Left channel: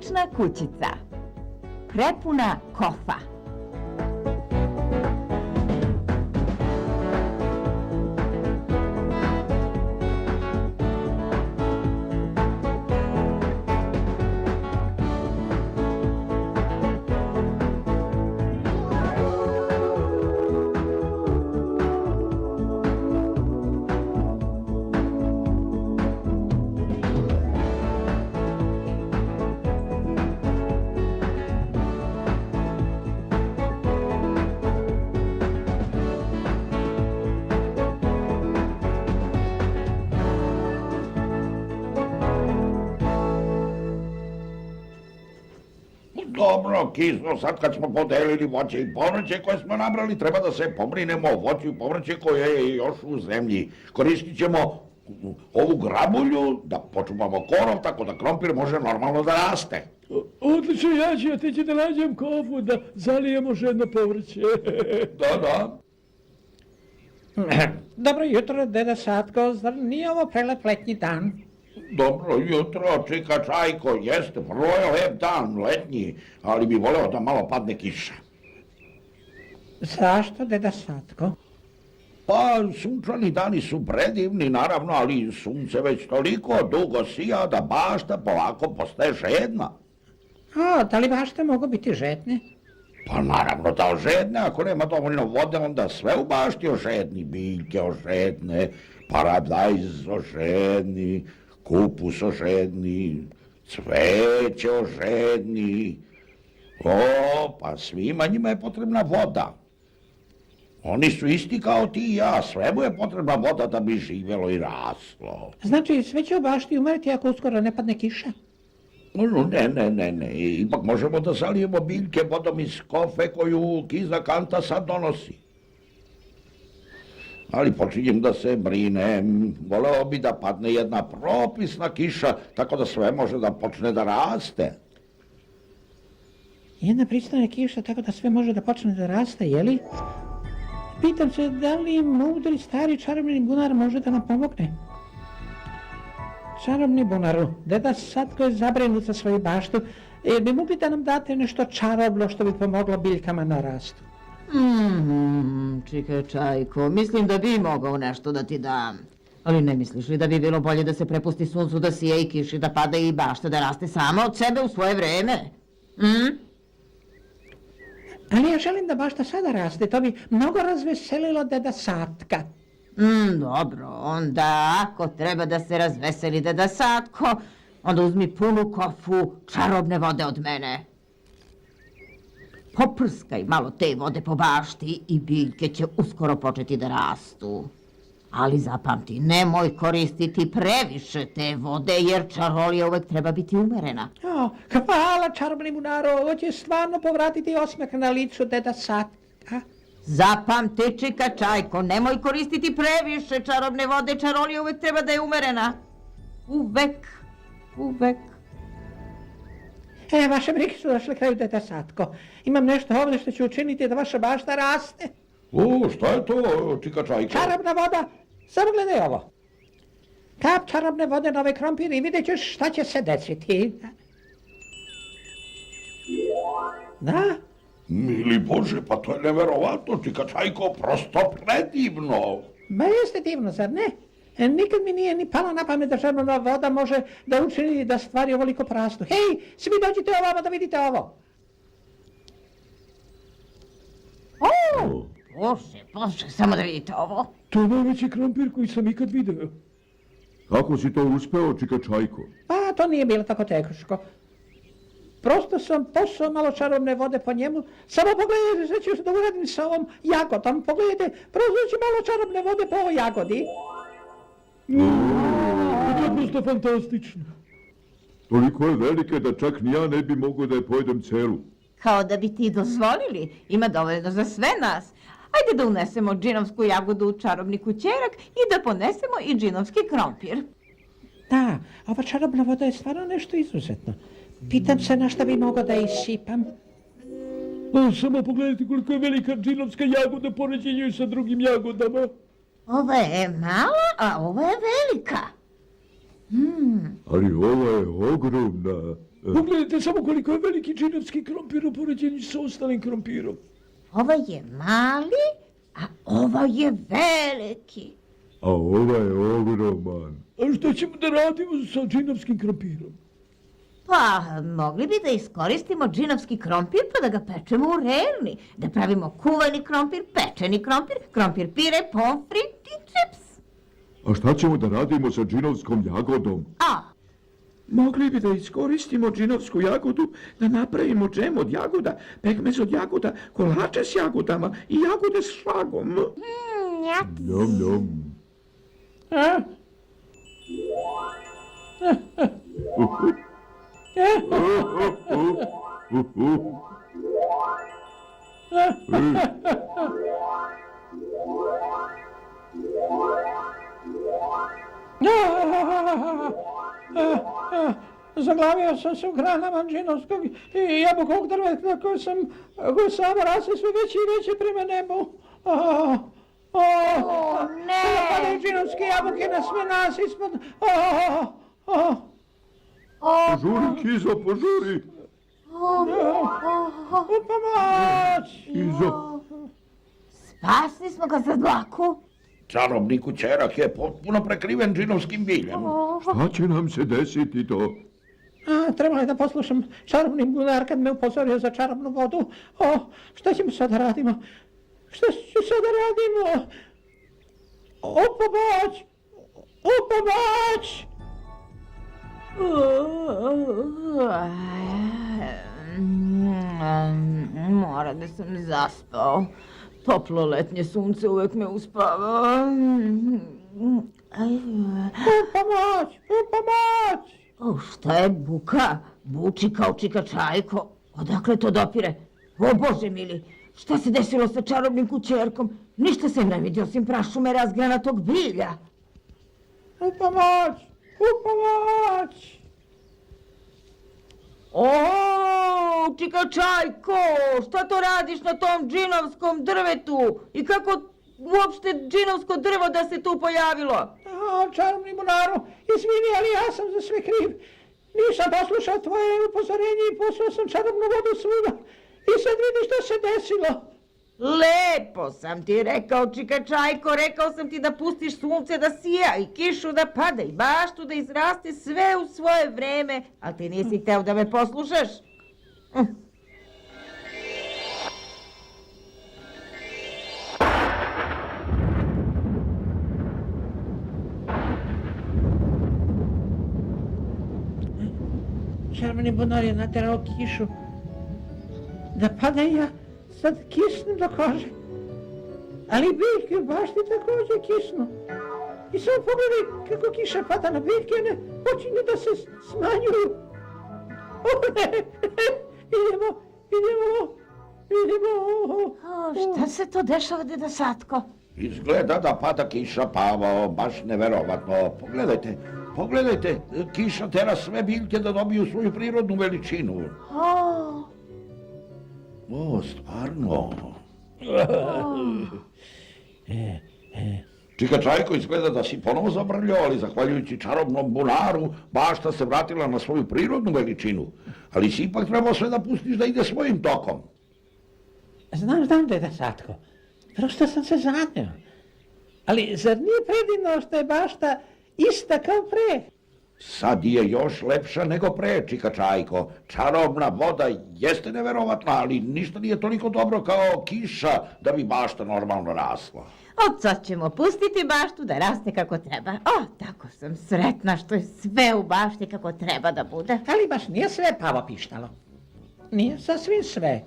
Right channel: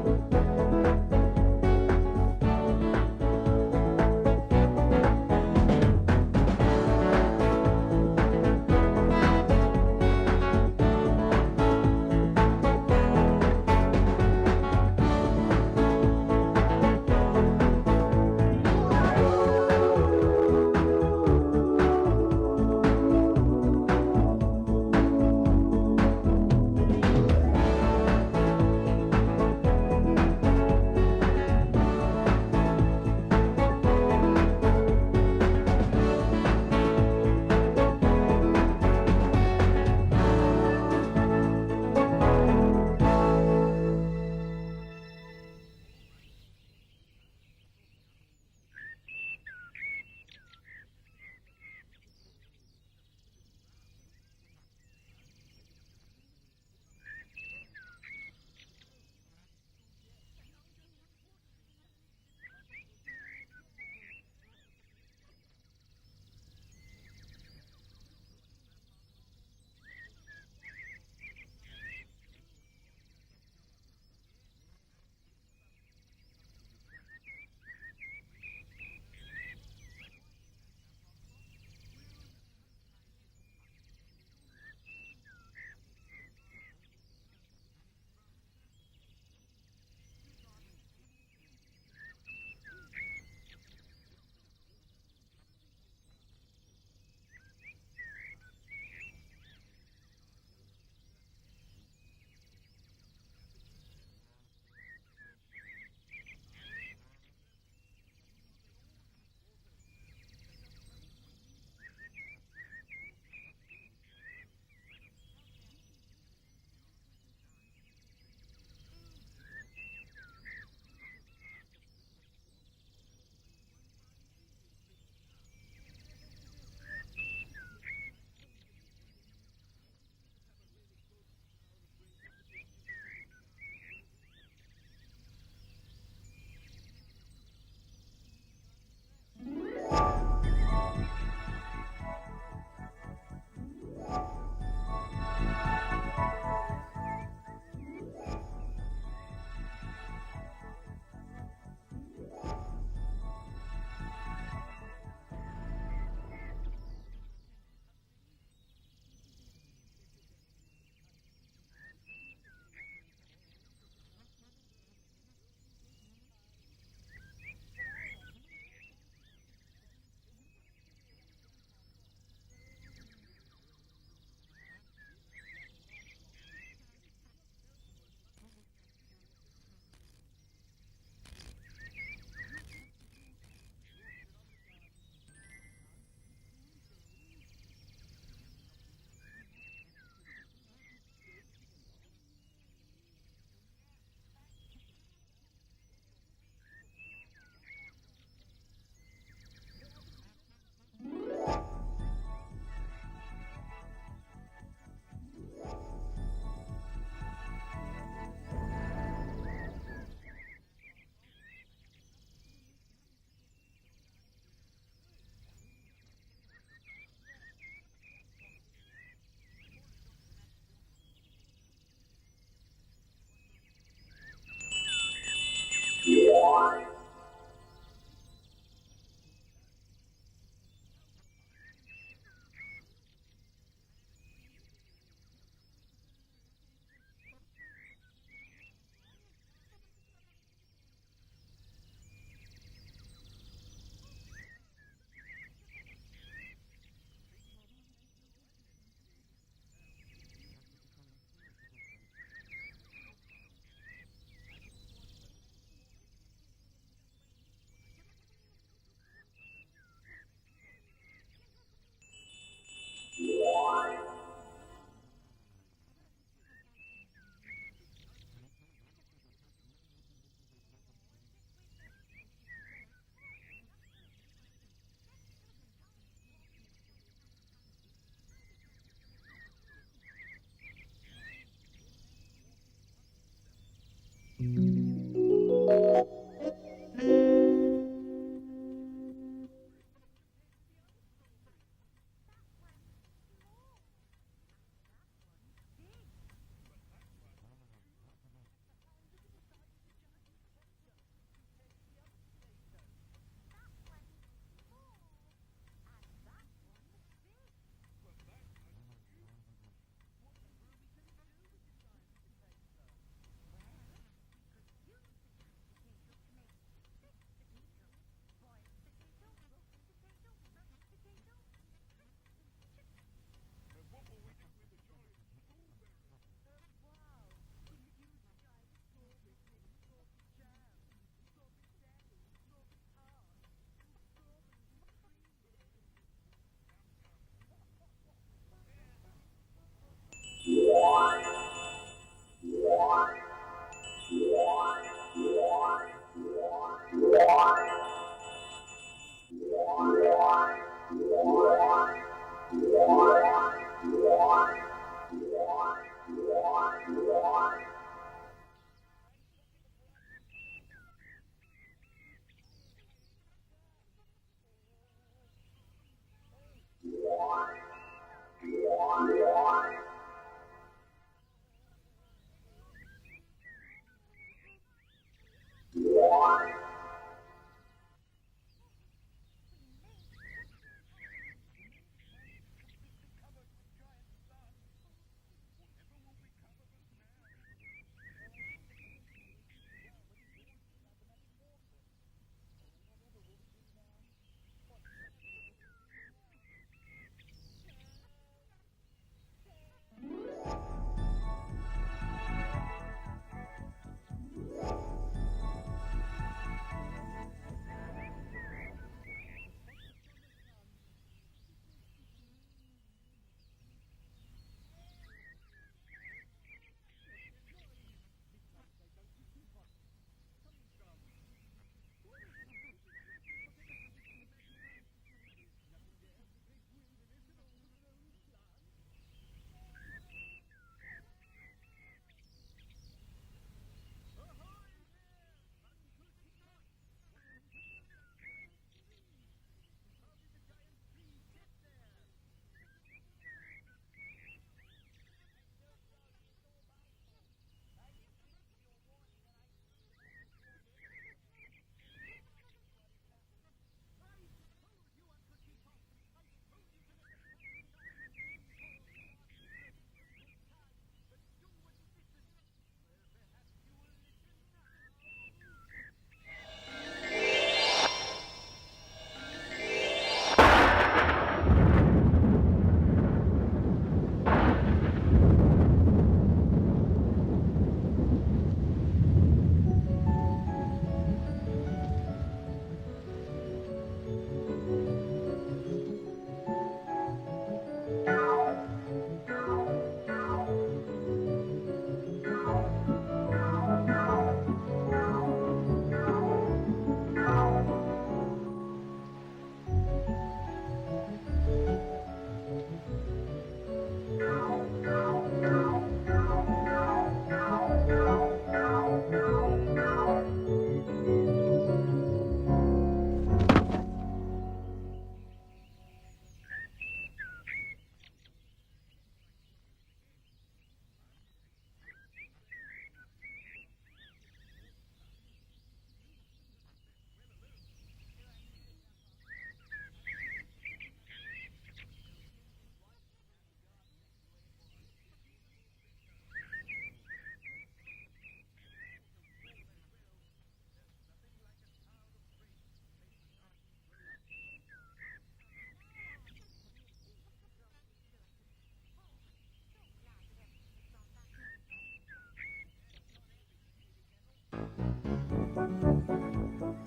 Obična kućica. Prepuna kofa. Dobro, Kizo, sad kad smo podelili voće i povrće koje smo nabrali, treba da se pobrinemo o voću i povrće koje je još u zemlji. Koristit ćemo ovu grabulju da počuvamo korov, tako da krompir može normalno da raste. Odlično, ja ću otići da nađem kofu, da zalijemo žedno povrće. Da. Dobro jutro, deda Satko, zar nije ovo prelep letnji dan? Dobro jutro, čika Čajko, jeste, vrlo je lep dan, letnji, ali bi voleo da malo padne kiša. Zašto, deda Satko? Pa, sunčani dani su predivni, naravno, ali sunce već toliko dugo sija da bašta polako postaje žedna. A, da li bašte mogu biti žedne? Pa naravno da ožedne, ako nema dovoljno vode, onda sve u bašti ožedni, biljke ožedne, paradajz ožedni, kupus ožedni, cveće ožedni. O, pa svima njima je potrebna voda. Oni su isti kao ti i ja, svemu je potrebna voda da bi živjelo i raslo. Znači, sve će u bašti umreti ako uskoro ne padne kiša? Ne, ipak možemo da zalijemo biljke vodom iz kofe koju Kiza Kanta sad donosi. Ali počinjem da se brinem, voleo bi da padne jedna propisna kiša, tako da sve može da počne da raste. Jedna pristojna kiša, tako da sve može da počne da raste, jeli? Pitam se da li mudri stari čarobni bunar može da nam pomogne? Čarobni bunaru, deda Satko je zabrinut za svoju baštu. Bi mogli da nam date nešto čarobno što bi pomoglo biljkama na rastu? Čika Čajko, mislim da bi mogao nešto da ti dam. Ali ne misliš li da bi bilo bolje da se prepusti suncu da sije i kiši, da pada i bašta da raste sama od sebe u svoje vreme? Ali ja želim da bašta sada raste, to bi mnogo razveselilo deda Satka. Dobro, onda ako treba da se razveseli deda Satko, onda uzmi punu kofu čarobne vode od mene. Poprskaj malo te vode po bašti i biljke će uskoro početi da rastu. Ali zapamti, nemoj koristiti previše te vode, jer čarolija uvek treba biti umerena. Hvala čarobni bunaru, ovo će stvarno povratiti osmeh na licu deda Satka. Zapamti, čika Čajko, nemoj koristiti previše čarobne vode, čarolija uvek treba da je umerena. Uvek. Vaše brige su došle kraju, deda Satko. Imam nešto ovdje što će učiniti da vaša bašta raste. Šta je to, čika Čajko? Čarobna voda, samo gledaj ovo. Kap čarobne vode na ovaj krompir i vidjet ćeš šta će se desiti. Da? Mili Bože, pa to je neverovatno, čika Čajko, prosto predivno. Ma jeste divno, zar ne? Nikad mi nije ni palo na pamet da čarobna voda može da učini da stvari ovoliko porastu. Hej, svi dođite ovamo da vidite ovo. Bože, samo da vidite ovo. To je najveći krompir koji sam ikad video. Kako si to uspeo, čika Čajko? Pa, to nije bilo tako teško. Prosto sam posao malo čarobne vode po njemu. Samo pogledajte što ću da uradim sa ovom jagodom. Pogledajte, prosto malo čarobne vode po ovoj jagodi. To je prosto fantastično. Toliko je velike da čak ni ja ne bi mogao da je pojedem celu. Kao da bi ti dozvolili, ima dovoljno za sve nas. Ajde da unesemo džinovsku jagodu u čarobni kućerak i da ponesemo i džinovski krompir. Da, ova čarobna voda je stvarno nešto izuzetno. Pitam se na šta bi mogao da isipam. Samo pogledajte koliko je velika džinovska jagoda poređenju sa drugim jagodama. Ova je mala, a ova je velika. Ali ova je ogromna. Pogledajte samo koliko je veliki džinovski krompir u poređenju sa ostalim krompirom. Ovo je mali, a ovo je veliki. A ovaj je ogroman. A što ćemo da radimo sa džinovskim krompirom? Pa, mogli bi da iskoristimo džinovski krompir pa da ga pečemo u rerni. Da pravimo kuvani krompir, pečeni krompir, krompir pire, pomfrit i čips. A šta ćemo da radimo sa džinovskom jagodom? A, Mogli bi da iskoristimo džinovsku jagodu da napravimo džem od jagoda, pekmez od jagoda, kolače s jagodama i jagode s šlagom. Njom, njom. A? Zaglavio sam se u granama džinovskog i jabukovog drveta koje sam raste sve veće i veće prema nebu. ne! Padaju džinovske jabuke na sve nas ispod. Požuri, Kizo, požuri. Pomoć! Kizo. Spasli smo ga za dlaku. Čarobni kućerak je potpuno prekriven džinovskim biljem. Šta će nam se desiti to? Trebalo je da poslušam čarobni bunar kad me upozorio za čarobnu vodu. Šta ćemo sad da radimo? Šta ćemo sad da radimo? O pomoć! O pomoć! Mora da sam zaspao. Toplo letnje sunce uvek me uspava. U pomoć! U pomoć! Šta je buka? Buči kao čika čajko. Odakle to dopire? O Bože mili, šta se desilo sa čarobnim kućerkom? Ništa se ne vidi osim prašume razgranatog bilja. U pomoć! U pomoć! O, čika čajko, šta to radiš na tom džinovskom drvetu? I kako uopšte džinovsko drvo da se tu pojavilo? Čarobni bunaru, izvini, ali ja sam za sve kriv. Nisam poslušao tvoje upozorenje i poslao sam čarobnu vodu svuda. I sad vidiš što se desilo. Lepo sam ti rekao, čika čajko, rekao sam ti da pustiš sunce da sija i kišu da pada i baštu da izraste sve u svoje vreme, ali ti nisi hteo da me poslušaš. Čarobni bunar je naterao kišu da pada i ja sad kisnu do kože. Ali biljke u bašti također kisnu. I samo pogledaj kako kiša pada na biljke, one počinju da se smanjuju. Idemo. Šta se to dešava, deda Satko? Izgleda da pada kiša, Pavo, baš neverovatno. Pogledajte, kiša tera sve biljke da dobiju svoju prirodnu veličinu. O, stvarno. Čika čajko, izgleda da si ponovo zabrljao, ali zahvaljujući čarobnom bunaru, bašta se vratila na svoju prirodnu veličinu. Ali si ipak trebao sve da pustiš da ide svojim tokom. Znam, deda Satko. Prosto sam se zanio. Ali zar nije predivno što je bašta ista kao pre? Sad je još lepša nego pre, čika čajko. Čarobna voda jeste neverovatna, ali ništa nije toliko dobro kao kiša da bi bašta normalno rasla. Od sad ćemo pustiti baštu da raste kako treba. O, tako sam sretna što je sve u bašti kako treba da bude. Ali baš nije sve Pavo pištalo. Nije sasvim sve.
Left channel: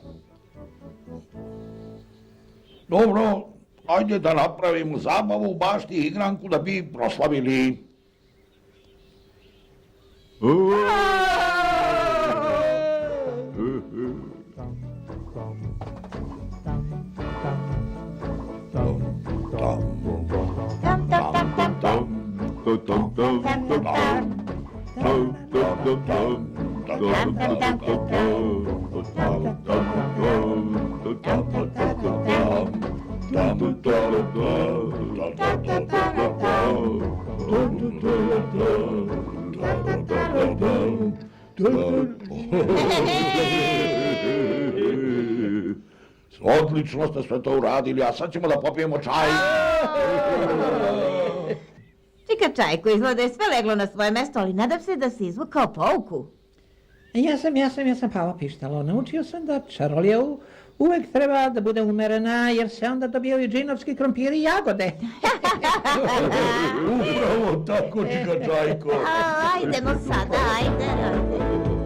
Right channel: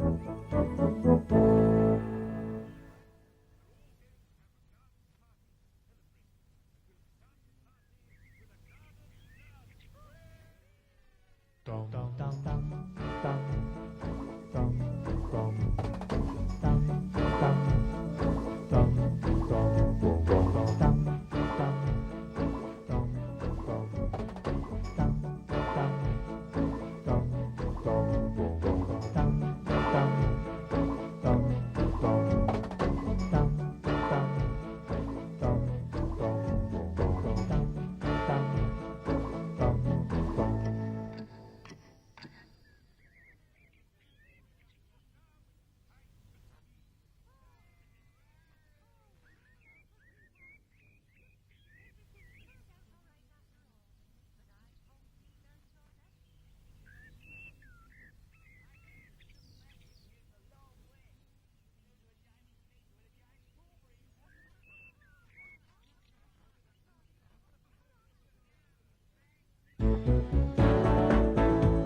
Dobro, ajde da napravimo zabavu u bašti i igranku da bi proslavili. odlično ste sve to uradili, a sad ćemo da popijemo čaj. Čika Čajko, izgleda je sve leglo na svoje mesto, ali nadam se da si izvukao pouku. Ja sam Pavo Pištalo. Naučio sam da čarolija uvek treba da bude umerena, jer se onda dobijaju džinovski krompiri i jagode. Upravo tako, čika Čajko. Ajdemo sada, ajde.